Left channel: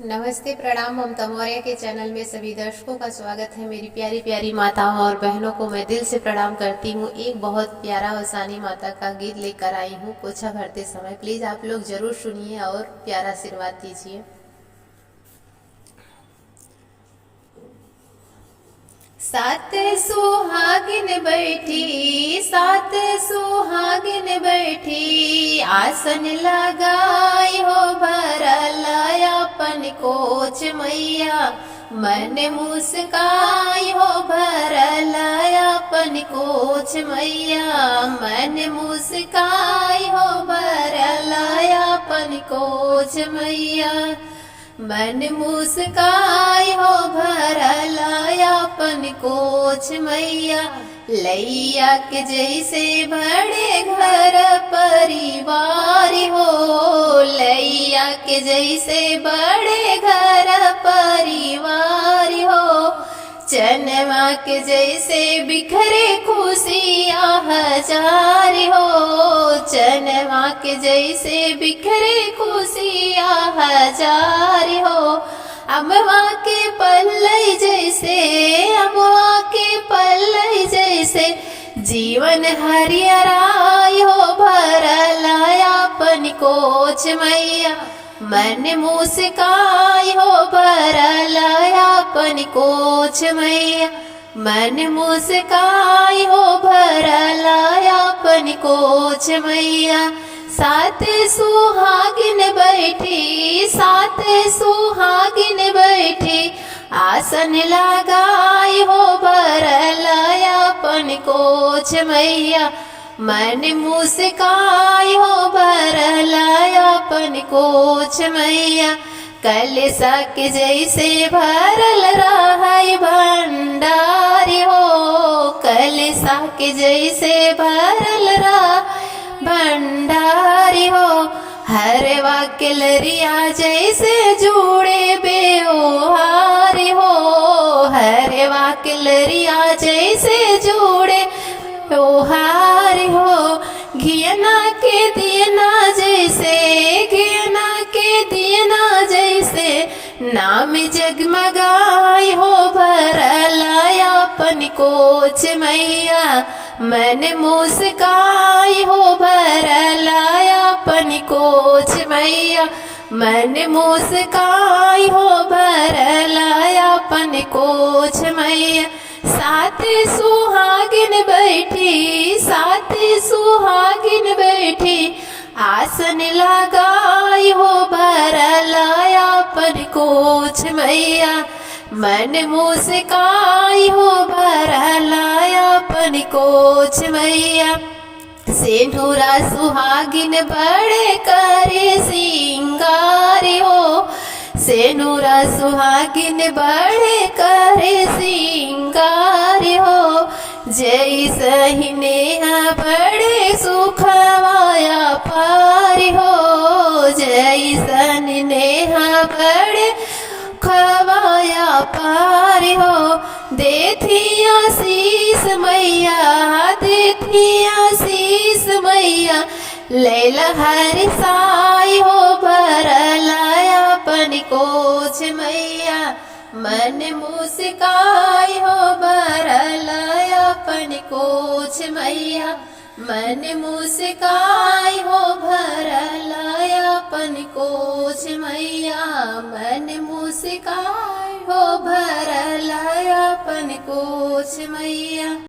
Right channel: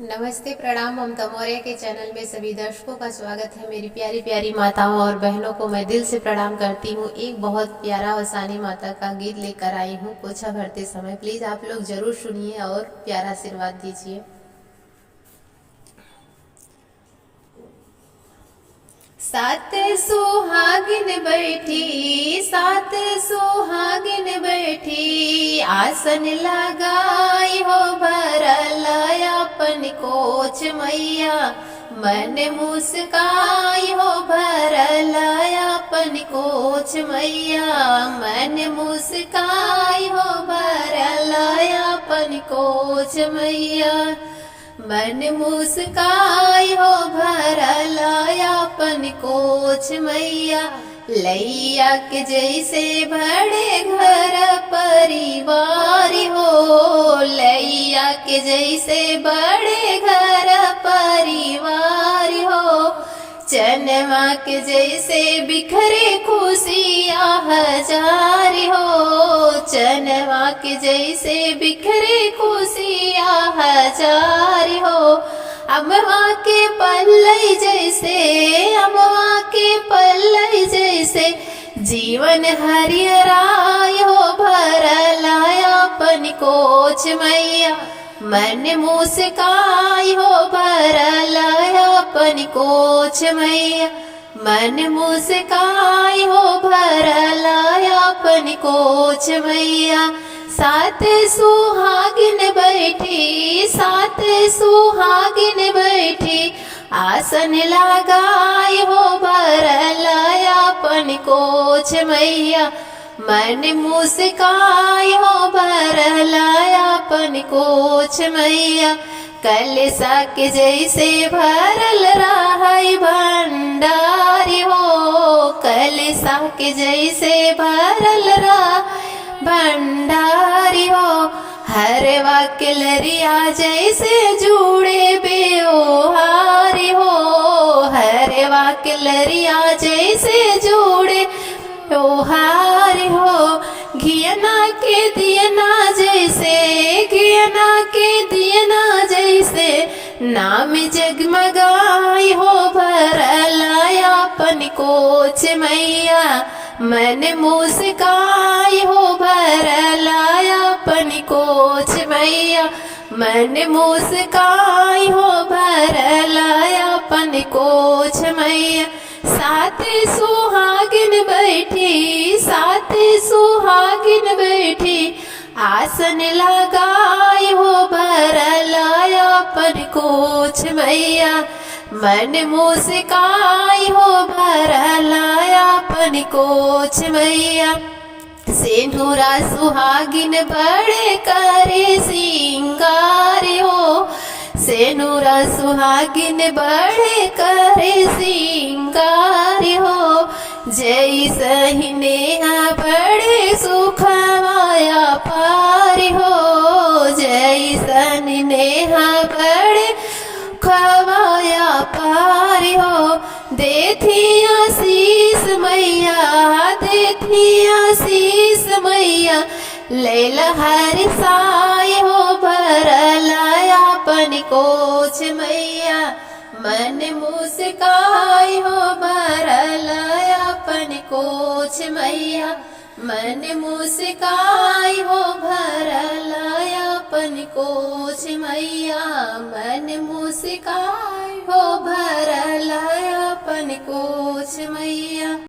नमस्ते, प्रणाम। ममता मौर्य के चैनल में सभी दर्शकों का स्वागत है। मेरी प्यारी प्यारी माताओं और बहनों को मैं दिल से प्रणाम करती हूँ। एक बहुत प्यारा और सानी माता का गीत लेकर आई हूँ पोछा भरते समय। प्लीज़ आप लोग ज़रूर सुनिए और प्यारा आशीर्वाद दीजिए। सात सुहागिन बैठी, सात सुहागिन बैठी, आसन लगाई हो भरल अपन कोच मैया। मन मुस्काई हो भरल अपन कोच मैया। मन मुस्काई हो भरल अपन कोच मैया। मन मुस्काई हो भरल अपन कोच मैया। लैया के जैसे बड़े घर परिवार हो, लैया के जैसे बड़े घर परिवार हो। चनवा के जैसे बिखरे खुशियाँ हजार हो, चनवा के जैसे बिखरे खुशियाँ हजार हो। अमवा के पल्लई जैसे, अमवा के पल्लई जैसे, जीवन हरियराय हो भरल अपन कोच मैया। मन मुस्काई हो भरल अपन कोच मैया। मन मुस्काई हो भरल अपन कोच मैया। सात सुहागिन बैठी, सात सुहागिन बैठी, आसन लगाई हो भरल अपन कोच मैया। मन मुस्काई हो भरल अपन कोच मैया। कलसा के जैसे भरल रहै भंडारी हो, कलसा के जैसे भरल रह भंडारी हो। हरवा के लरिया जैसे जुड़े बेओहारी हो, हरवा के लरिया जैसे जुड़े ओहारी हो। घियना के दियना जैसे, घियना के दियना जैसे, नाम जगमगाई हो भरल अपन कोच मैया। मन मुस्काई हो भरल अपन कोच मैया। मन मुस्काई हो भरल अपन कोच मैया। सात सुहागिन बैठी, सात सुहागिन बैठी, आसन लगाई हो भरल अपन कोच मैया। मन मुस्काई हो भरल अपन कोच मैया। सेनुरा सुहागिन बड़े करे सिंगार हो, सेनुरा सुहागिन बड़े करे सिंगार हो। जैसहि नेहा बड़े सुखवाया पार हो, जैसन नेहा बड़े खवाया पार हो। देथी आशीष मैया, देथी आशीष मैया, लैला हर साई हो भरल अपन कोच मैया। मन मुस्काई हो भरल अपन कोच मैया। मन मुस्काई हो भरल अपन कोच मैया। मन मुस्काई हो भरल अपन कोच मैया।